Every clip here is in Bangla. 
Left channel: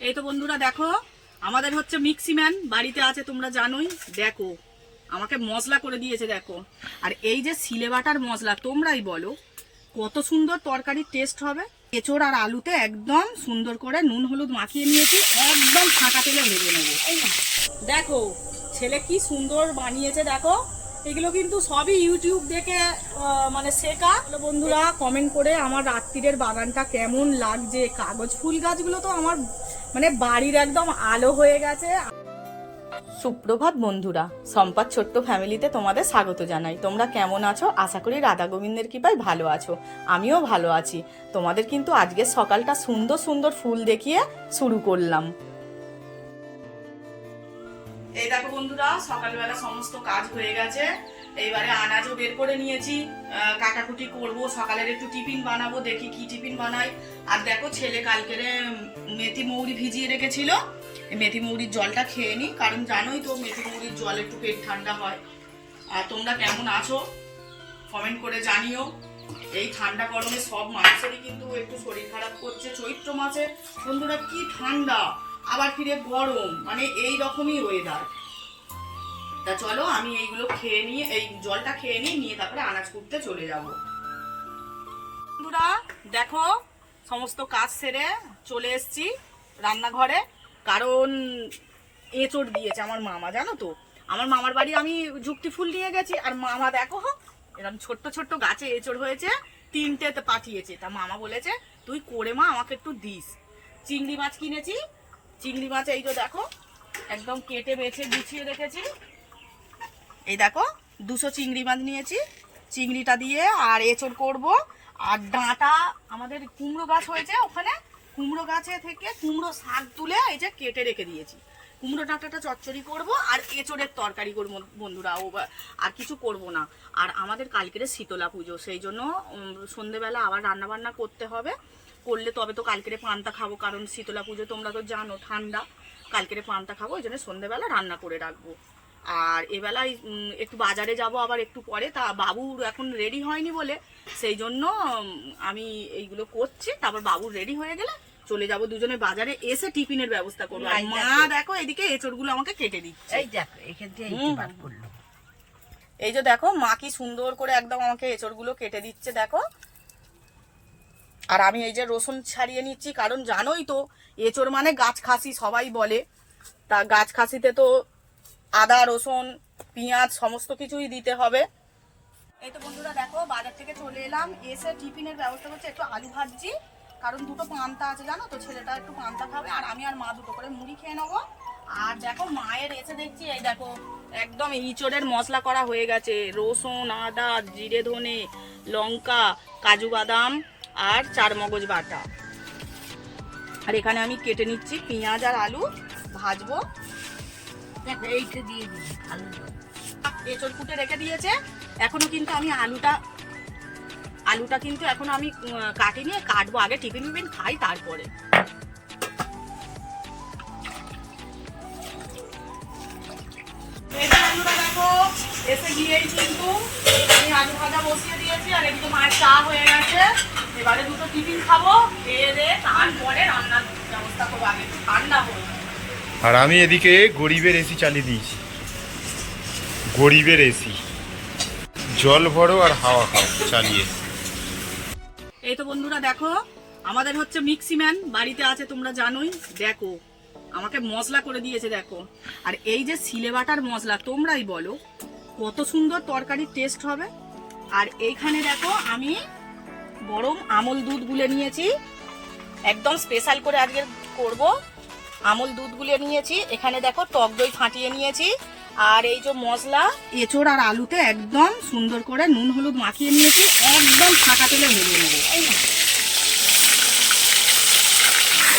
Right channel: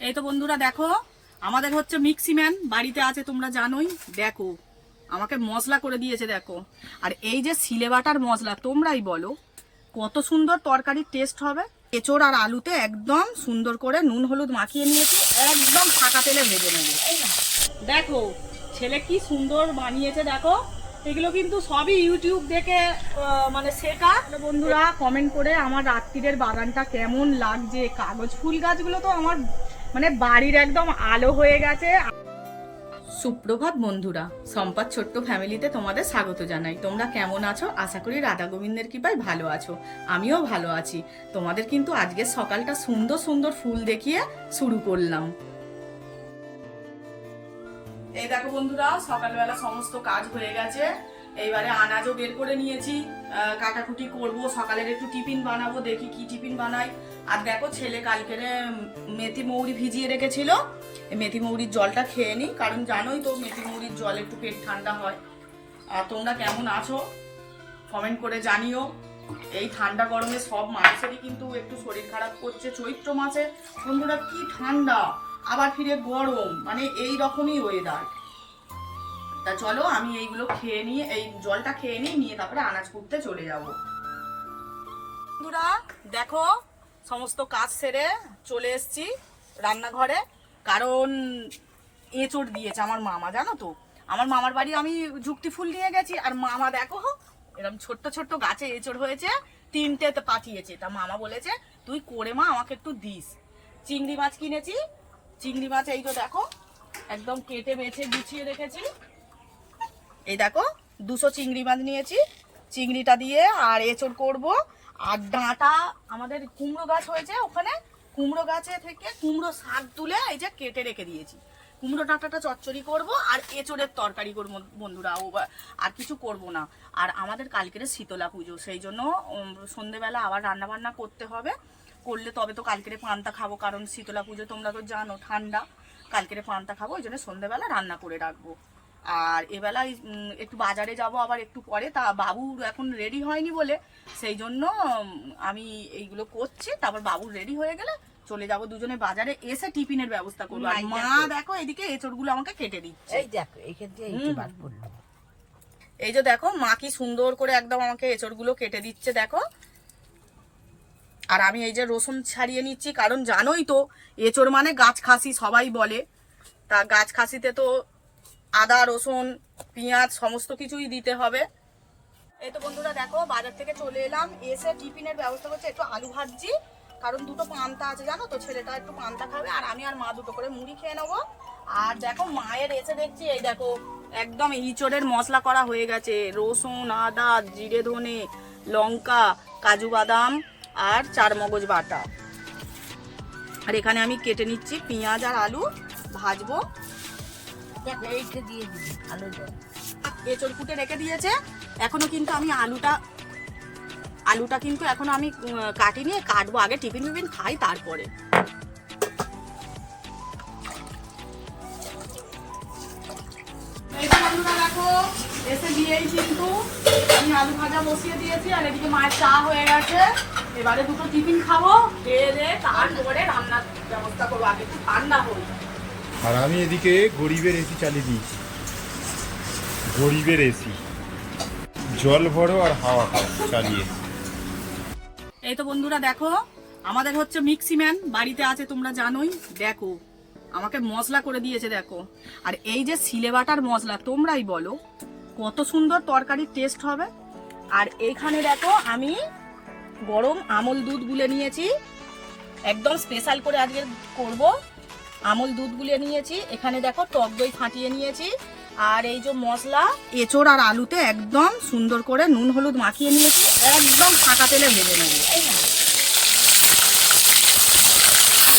এই তো বন্ধুরা দেখো, আমাদের হচ্ছে মিক্সিম্যান বাড়িতে আছে, তোমরা জানোই। দেখো আমাকে মশলা করে দিয়েছে দেখো। আর এই যে সিলে বাটার মশলা, তোমরাই বলো কত সুন্দর তরকারির টেস্ট হবে। এঁচোড় আর আলুতে একদম সুন্দর করে নুন হলুদ মাখিয়ে নিয়েছি, একদম ফাঁকা তেলে ভেজে নেবো। দেখো ছেলে কি সুন্দর বানিয়েছে দেখো। এগুলো কিন্তু সবই ইউটিউব দেখে মানে শেখা। বন্ধুরা কমেন্ট করে আমার রাত্রিরের বাগানটা কেমন লাগছে। কাগজ ফুল গাছগুলো তো আমার মানে বাড়ির একদম আলো হয়ে গেছে। সুপ্রভাত বন্ধুরা, সম্পাদ ছোট্ট ফ্যামিলিতে তোমাদের স্বাগত জানাই। তোমরা কেমন আছো? আশা করি রাধা গোবিন্দের কৃপায় ভালো আছো। আমিও ভালো আছি। তোমাদের কিন্তু আজকের সকালটা সুন্দর সুন্দর ফুল দেখিয়ে শুরু করলাম। এই দেখো বন্ধুরা, সকালবেলা সমস্ত কাজ হয়ে গেছে। এইবারে আনাজও বের করে নিয়েছি, কাটাকুটি করব, সকালের একটু টিফিন বানাবো, দেখি কি টিফিন বানাই। আর দেখো ছেলে কালকের মেথি মৌরি ভিজিয়ে রেখেছিল, মেথি মৌরির জলটা খেয়ে নি, কারণ জানোই তো মেথি মৌরির জল একটু পেট ঠান্ডা হয়। আর তোমরা কেমন আছো কমেন্ট করে জানিও। এই ঠান্ডা গরমে সব মানুষেরই কিন্তু একটু শরীর খারাপ করছে। চৈত্র মাসে বন্ধুরা কি ঠান্ডা, আবার ফিরে গরম, মানে এই রকমই ওয়েদার। তা চলো আমি এইগুলো খেয়ে নিয়ে, এই জলটা খেয়ে নিয়ে তারপরে আনাজ কুটতে চলে যাব। বন্ধুরা দেখো, সমস্ত কাজ সেরে চলে এসেছি রান্নাঘরে, কারণ এঁচড় দিয়েছে আমার মামা। জানো তো আমার মামার বাড়ি আমি যুক্তি ফুল নিয়ে গেছি, আর মামা দেখো এরকম ছোট্ট ছোট্ট গাছে এঁচড় হয়েছে, 3টে পাঠিয়েছে। তা মামা বলেছে তুই করে মা আমাকে একটু দিস। চিংড়ি মাছ কিনেছি, চিংড়ি মাছ এই তো দেখো একদম কেটে বেছে বিছিয়ে রেখেছি। এই দেখো 200 চিংড়ি মাছ নিয়েছি, চিংড়িটা দিয়ে আর এঁচড় করব। আর ডাঁটা আমাদের কুমড়ো গাছ হয়েছে, ওখানে কুমড়ো গাছে থেকে কুমড়ো শাক তুলে এই যে কেটে রেখে দিয়েছি। কুমড়ো ডাঁটাটা চচ্চড়ি করব আর এঁচড়ের তরকারি করব বন্ধুরা, আর কিছু করব না। আর আমাদের কালকের শীতলা পুজো, সেই জন্য সন্ধেবেলা আবার রান্না বান্না করতে হবে। করলে তবে তো কালকের পান্তা খাবো, কারণ শীতলা পুজো তোমরা তো জানো ঠান্ডা, কালকের পান্তা খাবো, ওই জন্য সন্ধেবেলা রান্না করে রাখবো। আর এবেলায় একটু বাজারে যাব আবার একটু পরে, তা বাবু এখন রেডি হয়নি বলে সেই জন্য আমি এইগুলো করছি। তারপর বাবু রেডি হয়ে গেলে চলে যাব দুজনে বাজারে, এসে টিফিনের ব্যবস্থা করবো। আর মা দেখো এদিকে এঁচড়গুলো আমাকে কেটে দিচ্ছে। এই দেখো এখান থেকে এই যে দেখো মা কি সুন্দর করে একদম আমাকে এঁচড়গুলো কেটে দিচ্ছে দেখো। আর আমি এই যে রসুন ছাড়িয়ে নিচ্ছি, কারণ জানোই তো এঁচড় মানে গাছ খাসি সবাই বলে। তা গাছ খাসিতে তো আদা রসুন পেঁয়াজ সমস্ত কিছুই দিতে হবে। এই তো বন্ধুরা দেখো বাজার থেকে চলে এলাম, এসে টিফিনের ব্যবস্থা করছি। একটু আলু ভাজছি, কারণ দুটো পান্তা আছে জানো তো, ছেলেটা একটু পান্তা খাবে, আর আমি আর মা দুটো করে মুড়ি খেয়ে নেবো। আর দেখো মায়ের এসে দেখছি এই দেখো একদম ইঁচড়ের মশলা করা হয়ে গেছে, রসুন আদা জিরে ধনে লঙ্কা কাজু বাদাম আর চারমগজ বাটা। আর এখানে আমি কেটে নিচ্ছি পেঁয়াজ আর আলু, ভাজবো। এইটা দিয়ে দিবি আলুটা। এঁচড় কুটে রেখে দিয়েছে, এখনো কিন্তু আমি আলুটা কিন্তু এখনো আমি কাটিনি, কাটবো আগে, টিফিন খাই তারপরে। দেখো এসে গিয়েই কিন্তু আমি আলু ভাজা বসিয়ে দিয়েছি, আর এদিকে মায়ের চা হয়ে গেছে। এবারে দুটো টিফিন খাবো, খেয়ে দিয়ে তারপরে রান্নার ব্যবস্থা করবো, আগে একটু ঠান্ডা হোক। আর আমি এদিকে গরিবের এসি চালিয়ে দিয়েছি, গরিবের এসি, জল ভরো আর হাওয়া খাও চালিয়ে। এই তো বন্ধুরা দেখো, আমাদের হচ্ছে মিক্সিম্যান বাড়িতে আছে, তোমরা জানোই। দেখো আমাকে মশলা করে দিয়েছে দেখো। আর এই যে সিলে বাটার মশলা, তোমরাই বলো কত সুন্দর তরকারির টেস্ট হবে। আর এইখানে দেখো আমি গরম আমল দুধ গুলে নিয়েছি, একদম স্পেশাল করে আজকে করব। আমল দুধ গুলে নিয়েছি, এখানে দেখো টক দই ফাটিয়ে নিয়েছি। আর এই যে মশলা এঁচড় আর আলুতে একদম সুন্দর করে নুন হলুদ মাখিয়ে নিয়েছি, একদম ফাঁকা তেলে ভেজে নেব।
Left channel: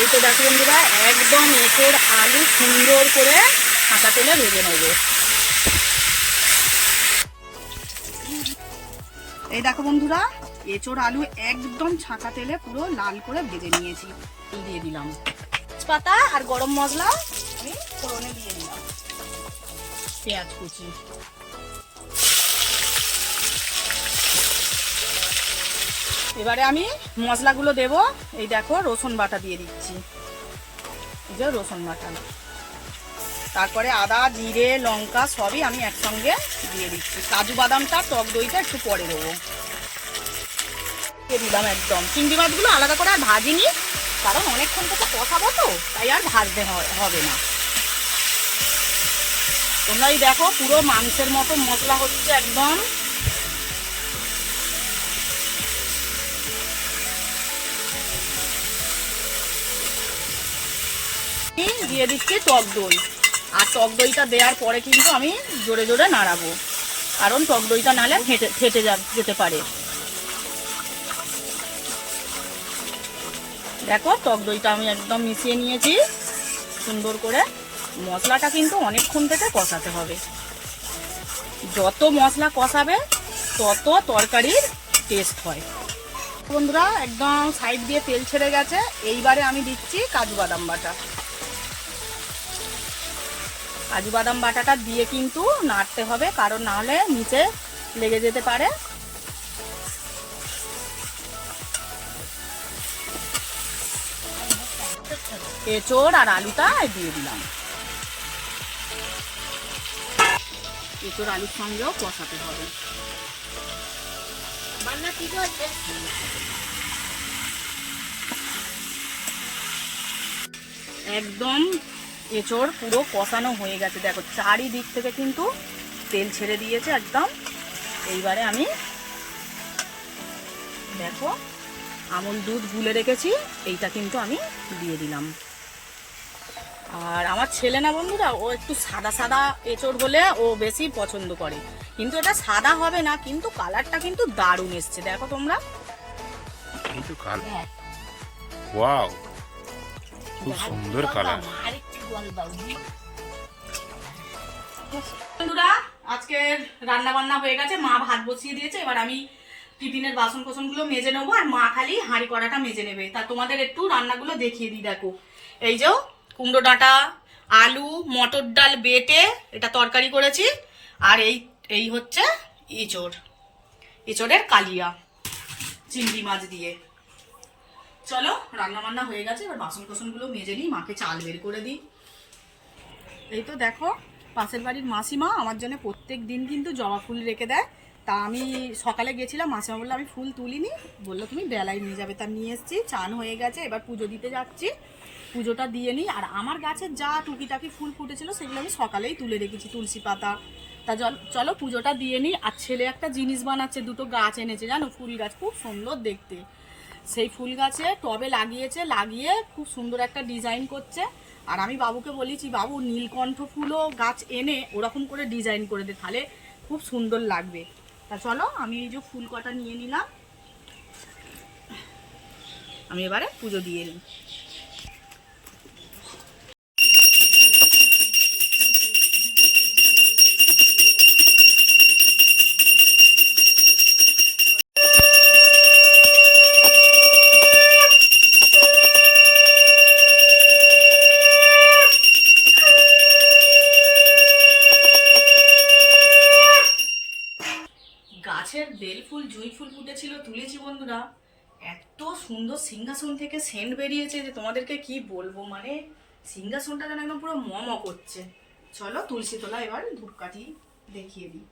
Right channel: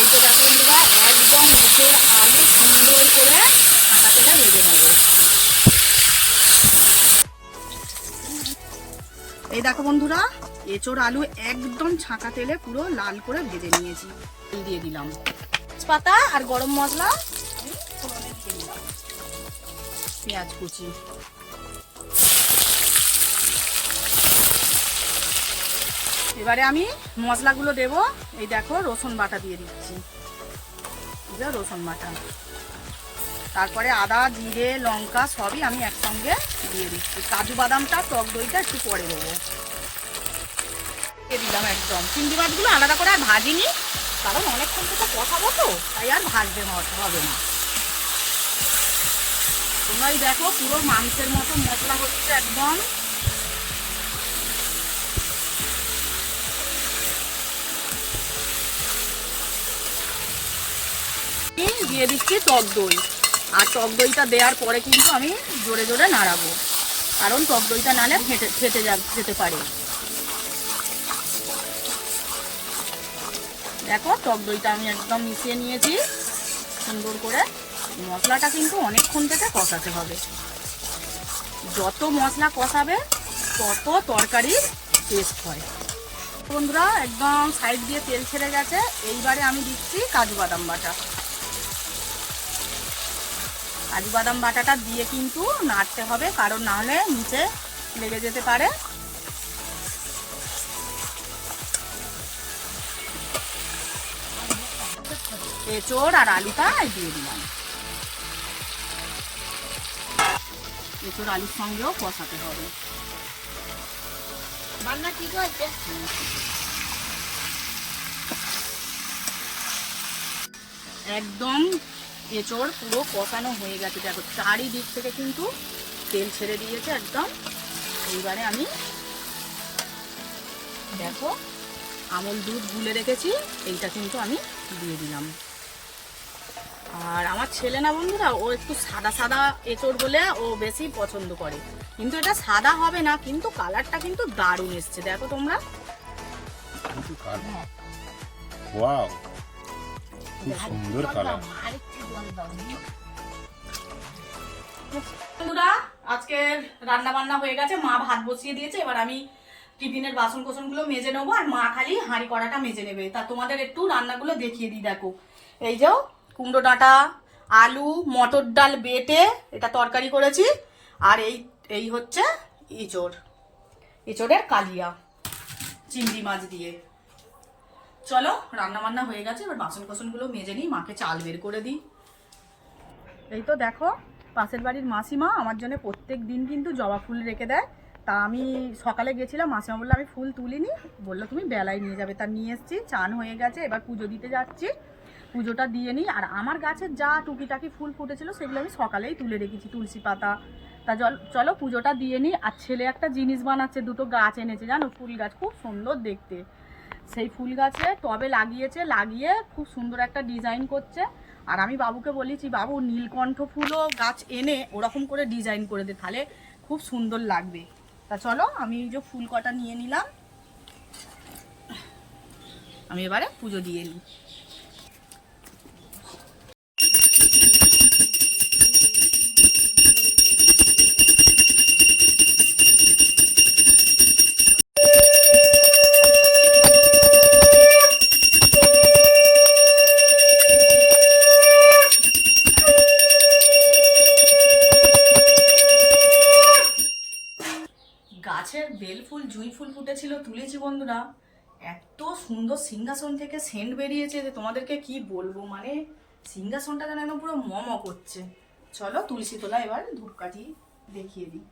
এই তো দেখো বন্ধুরা একদম এঁচড় আলু সুন্দর করে ফাঁকা তেলে ভেজে নেব। এই দেখো বন্ধুরা এঁচড় আলু একদম ছাঁকা তেলে পুরো লাল করে ভেজে নিয়েছি। দিয়ে দিলাম তেজপাতা আর গরম মশলা, আমি ফোড়নে দিয়ে দিলাম পেঁয়াজ কুচি। এবারে আমি মশলাগুলো দেব। এই দেখো রসুন বাটা দিয়ে দিচ্ছি, যে রসুন বাটা, তারপরে আদা জিরে লঙ্কা সবই আমি একসঙ্গে দিয়ে দিচ্ছি। কাজু বাদামটা টক দইটা একটু পরে দেবো। দিলাম একদম। চিংড়ি মাছগুলো আলাদা করে আর ভাজিনি, কারণ অনেকক্ষণ তো কষাবো তো, তাই আর ভাজতে হবে না। তোমরাই দেখো পুরো মাংসের মতো মশলা হচ্ছে একদম। দিয়ে দিচ্ছি টক দই, আর টক দইটা দেওয়ার পরে কিন্তু আমি জোরে জোরে নাড়াবো, কারণ টক দইটা নালে ফেটে যেতে পারে। দেখো টক দইটা আমি একদম মিশিয়ে নিয়েছি সুন্দর করে। মশলাটা কিন্তু অনেকক্ষণ থেকে কষাতে হবে, যত মশলা কষাবে তত তরকারির টেস্ট হয়। বন্ধুরা একদম সাইড দিয়ে তেল ছেড়ে গেছে, এইবারে আমি দিচ্ছি কাজু বাদাম বাটা। কাজু বাদাম বাটাটা দিয়ে কিন্তু নাড়তে হবে, কারণ না হলে নিচে লেগে যেতে পারে। এঁচোড় আর আলুটা দিয়ে দিলাম। এঁচোড় আলুর সঙ্গেও কষাতে হবে। একদম এঁচোড় পুরো কষানো হয়ে গেছে, দেখো চারিদিক থেকে কিন্তু তেল ছেড়ে দিয়েছে একদম। এইবারে আমি দেখো আমুল দুধ গুলে রেখেছি, এইটা কিন্তু আমি দিয়ে দিলাম। আর আমার ছেলে না বন্ধুরা, ও একটু সাদা সাদা এঁচোড় হলে ও বেশি পছন্দ করে, কিন্তু এটা সাদা হবে না, কিন্তু কালারটা কিন্তু দারুণ এসছে। দেখো তোমরা, ওয়াও খুব সুন্দর কালার। বন্ধুরা আজকে রান্না বান্না হয়ে গেছে, মা ভাত বসিয়ে দিয়েছে। এবার আমি টিফিনের বাসন কোসনগুলো মেজে নেবো, আর মা খালি হাঁড়ি কড়াটা মেজে নেবে। তা তোমাদের একটু রান্নাগুলো দেখিয়ে দিই। দেখো এই যে কুমড়ো ডাঁটা আলু মটর ডাল বেটে এটা তরকারি করেছি, আর এই হচ্ছে এঁচোড়ের কালিয়া চিংড়ি মাছ দিয়ে। চলো রান্না বান্না হয়ে গেছে, এবার বাসন কোসনগুলো মেজে নিই, মাকে চাল বের করে দিই। এই তো দেখো পাশের বাড়ির মাসিমা আমার জন্য প্রত্যেক দিন কিন্তু জবা ফুল রেখে দেয়। তা আমি সকালে গেছিলাম, মাসিমা বললো আমি ফুল তুলিনি, বললো তুমি বেলায় নিয়ে যাবে। তা নিয়ে এসেছি, চান হয়ে গেছে, এবার পুজো দিতে যাচ্ছি, পুজোটা দিয়ে নিই। আর আমার গাছের যা টুকিটাকি ফুল ফুটেছিল সেগুলো আমি সকালেই তুলে রেখেছি, তুলসী পাতা। তা চলো পুজোটা দিয়ে নিই। আর ছেলে একটা জিনিস বানাচ্ছে, দুটো গাছ এনেছে জানো, ফুল গাছ খুব সুন্দর দেখতে। সেই ফুল গাছে টবে লাগিয়ে খুব সুন্দর একটা ডিজাইন করছে। আর আমি বাবুকে বলেছি, বাবু নীলকণ্ঠ ফুলও গাছ এনে ওরকম করে ডিজাইন করে দে, তাহলে খুব সুন্দর লাগবে। তা চলো আমি এই যে ফুল কটা নিয়ে নিলাম, আমি এবারে পুজো দিয়ে নিই। গাছের বেল ফুল জুঁই ফুল ফুটেছিল, তুলেছি বন্ধুরা, এত সুন্দর সিংহাসন থেকে সেন্ট বেরিয়েছে যে তোমাদেরকে কি বলবো, মানে সিংহাসনটা যেন একদম পুরো মম করছে। চলো তুলসী তোলা এবার ধূপকাঠি দেখিয়ে দিই।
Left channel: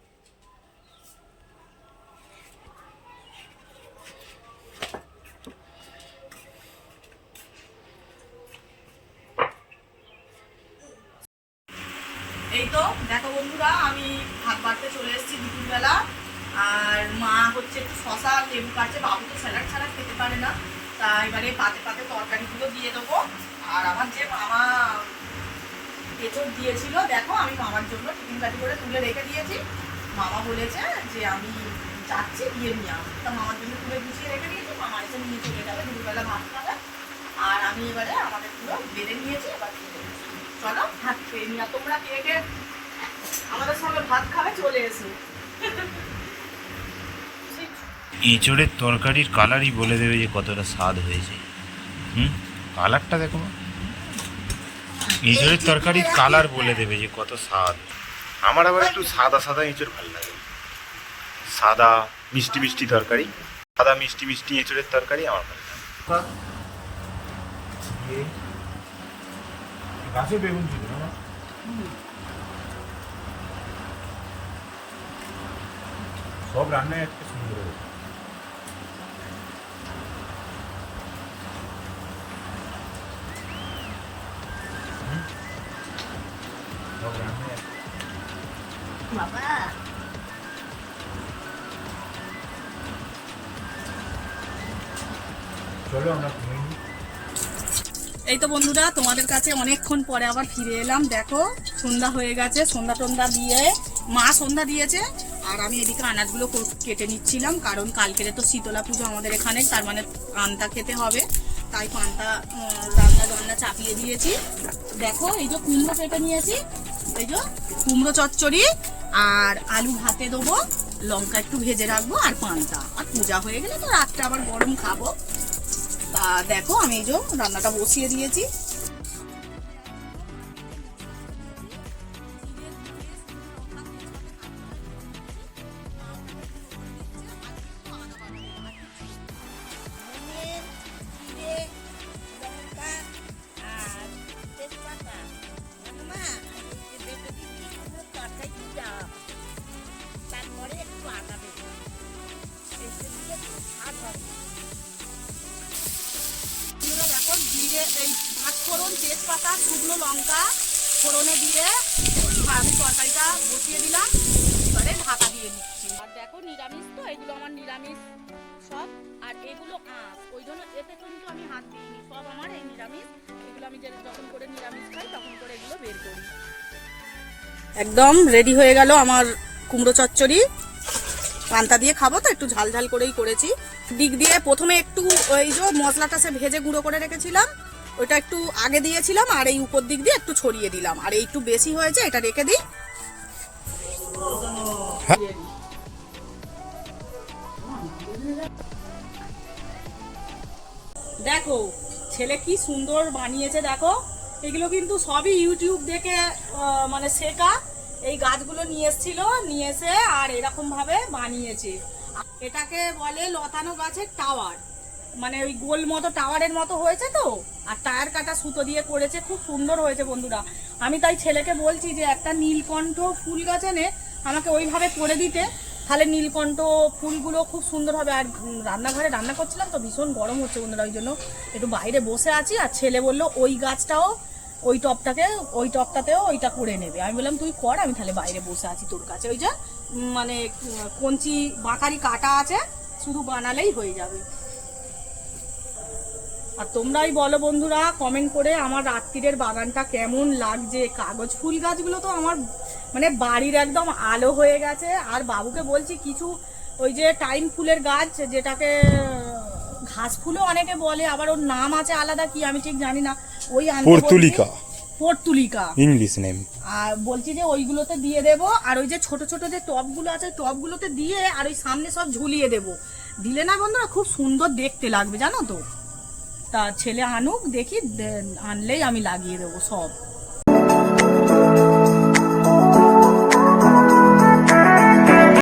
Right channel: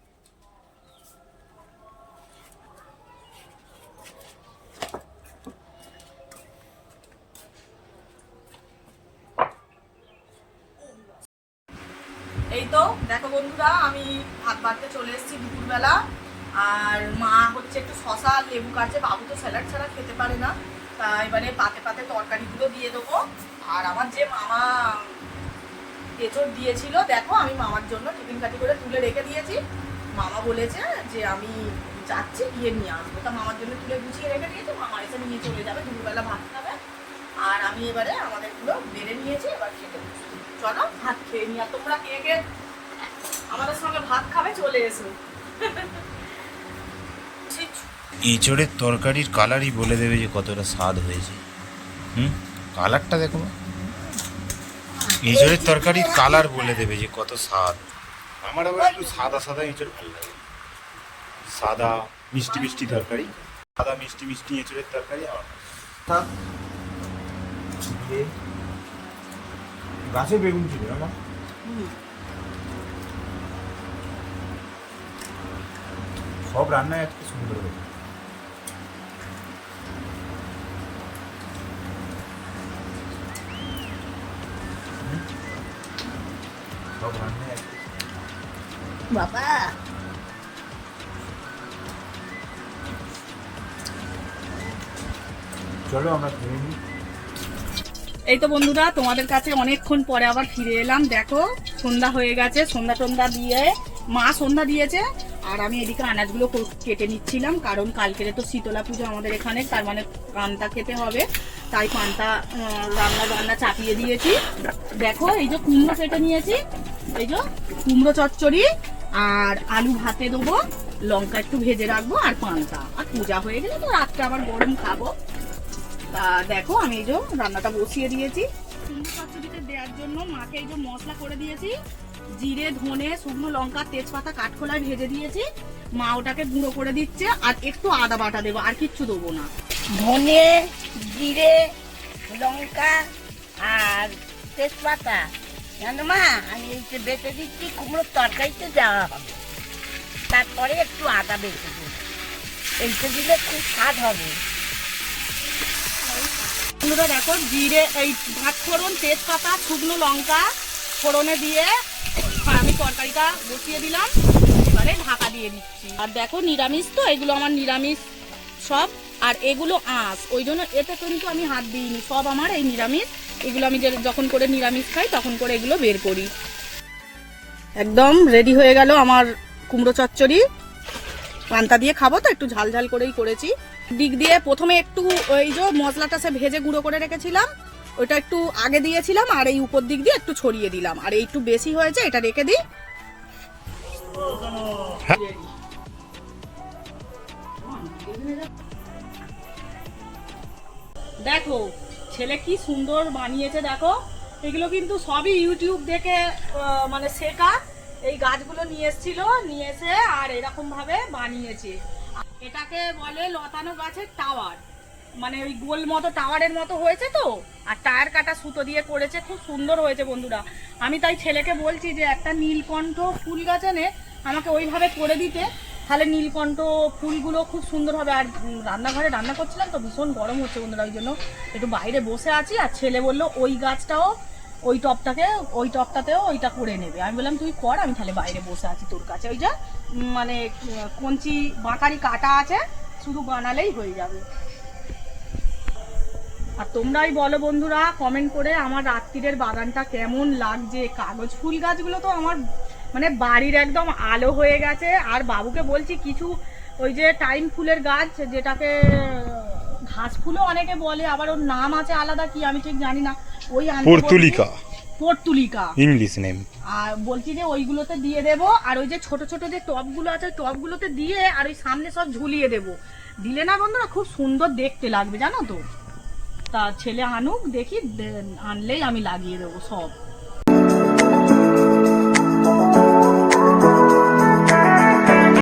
এই তো দেখো বন্ধুরা, আমি ভাত বাড়তে চলে এসেছি দুপুরবেলা। আর মা হচ্ছে একটু শশা লেবু কাটছে, বাবু তো স্যালাড ছাড়া খেতে পারে না, তা এবারে পাতে পাতে তরকারিগুলো দিয়ে দেবো। আর আমার যে মামা এঁচোড় দিয়েছিল, দেখো আমি মামার জন্য টিফিন কাটি করে তুলে রেখে দিয়েছি। মামা বলেছে যে আমি যাচ্ছি গিয়ে নিয়ে আসবো, তা মামার জন্য তুলে গুছিয়ে রেখে দিয়েছি। মামা এসে নিয়ে চলে যাবে, দুপুরবেলা ভাত খাবে। আর আমি এবারে আমাদেরগুলো বেড়ে নিয়েছি, এবার খেতে চলো ভাত খেয়ে নিয়ে। তোমরা কে কে আমাদের সঙ্গে ভাত খাবে চলে এসো। এঁচোড়ের তরকারির কালারই বলে দেবে যে কতটা স্বাদ হয়েছে। কালারটা দেখো, এঁচোড়ের তরকারির কালার বলে দেবে যে কত স্বাদ। আমার আবার একটু সাদা সাদা এঁচোড় ভালো লাগে, সাদা মিষ্টি মিষ্টি তরকারি, সাদা মিষ্টি মিষ্টি এঁচোড়ের তরকারি আমার ভালো লাগে। গাছে বেগুন ছিল না? সব রান্নায় আজকে সুন্দর হয়েছে। সব রান্নায় আজকে বাবা চলো আমরা কিনে নিই। এই তো বন্ধুরা তোমাদের কাছে অনেকক্ষণ পরে আবার ফিরে এলাম। দেখো সন্ধ্যা হয়ে গেছে, সন্ধ্যা টন্ধা দিয়ে মা সন্ধ্যা দিয়েছে আর আমি এদিকে আনাজগুলো কেটে নিচ্ছিলাম, কারণ কালকেরে তো শীতলা পুজো আমাদের এখানে, তার মানে পান্তা খেতে হবে, তাই পান্তা রান্না চাপিয়ে দিয়েছি। দেখো এই যে কুমড়ো কেটে নিয়েছি, এই যে কুমড়ো চচ্চড়ি আর আলু ভাতে দেবো, লঙ্কা একটু ভেজে রাখবো আর পান্তা, আর পূজা হয়ে গেলে তো রাতটা আবার গরম খাবো। তা দেখো আমি এই যে রান্নাটা বসিয়ে দিয়েছি। দেওয়ার জন্য মাকে এই যে মশলা করে দিয়েছি, জিরে ধনে শুকনো লঙ্কা তেজপাতা কাঠখোলায় ভেজে দিয়েছি, মা ওটাকে গুঁড়ো করে দিচ্ছে, আর একটু আদা বাটা দেবো, আর কিচ্ছু দেবো না। ধনে জিরে লঙ্কা আর তেজপাতা জানো মা, আমি এই যে বেটে দিচ্ছি কুমড়োর তরকারিতে দেওয়া হবে, তারপরে একটু আদা বেটে দেবো, এইটা দিলে খুব স্বাদ হবে। বন্ধুরা দেখো জিরে এই ভাত ফোড়ন তেজপাতা শুকনো লঙ্কা ফোড়নে দিয়ে আমি তরকারিটা বসিয়ে দিলাম, এবারে ঢাকা দিয়ে দিচ্ছি। আর দেখো নিরামিষ তো, এগুলো আমার নিরামিষ সব, আর এগুলো আঁশ, ওই জন্য এতে কিন্তু আমি হাত দিইনি, সব আমার এই নিরামিষ। এগুলো আমি যখন করে নিরামিষ খাই তখন করে এগুলো বের করি। একদম রেডি হয়ে গেল আমার কুমড়ো চচ্চড়ি, পান্তা দিয়ে খাবো তো একটু ঝাল ঝাল করেই করেছি। দিক দিয়ে প্রথমে একটু ওই যে মশলাটা সে ভেজে গুঁড়ো করে রেখেছিলাম ওটা একটু আগে দিয়েছিলাম, আর এই উপর দিক দিয়ে একটু ছড়িয়ে দিলাম, আর এই একটু বেশি হয়েছে এটা রেখে দিই। দেখো ছেলে কি সুন্দর বানিয়েছে, দেখো এগুলো কিন্তু সবই ইউটিউব দেখে মানে শেখা। এই গাছগুলো নিয়ে এসেছিল, নিয়ে এসে আর এরকম ভাবে বানিয়েছে। এটাকে বলে লতানো গাছের টাওয়ার, মানে ওই গোল মতো টাওয়ারের মতো হয়েছে তো, আর টায়ার কাটা সুতো দিয়ে করেছে, খুব সুন্দর হয়েছে বন্ধুরা। আমি তাই ছেলেকে বলছি যে একটা নীলকণ্ঠ ফুল গাছ এনে আমাকে ওইভাবে করে দিতে, তাহলে নীলকণ্ঠ ফুলগুলো খুব সুন্দর হবে। আর রান্নাঘরে রান্না করছিলাম তো ভীষণ গরম হচ্ছে বন্ধুরা, ওই জন্য একটু বাইরে বসে আছি। আর ছেলে বললো ওই গাছটাও ওই টপটাতেও ওইটা করে নেবে। আমি বললাম তুই কর, আমি তাহলে বাইরে বসে আছি তোর কাছে। ওই যে মানে কঞ্চি বাঁকারি কাটা আছে, শুধু বানালেই হয়ে যাবে। আর তোমরাই বলো বন্ধুরা কমেন্ট করে আমার রাত্রিরের বাগানটা কেমন লাগছে। কাগজ ফুল গাছগুলো তো আমার মানে বাড়ির একদম আলো হয়ে গেছে। আর বাবুকে বলছি কিছু ওই যে টাইম ফুলের গাছ, যেটাকে ঘাস ফুলও অনেকে বলে, আবার ওর নাম আছে আলাদা কি আমি ঠিক জানি না, ওই পর্তুলিকা ইংলিশ নেম। আর বলছি যে ওইগুলোতে দিয়ে দেবো, আর ওই যে ছোট ছোট যে টবগুলো আছে টবগুলোতে দিয়ে আর ওই সামনে সব ঝুলিয়ে দেবো। দিলে না বন্ধুরা খুব সুন্দর দেখতে লাগবে জানো তো। তা ছেলে আনুক দেখি, আনলেই আমি লাগিয়ে দেবো সব।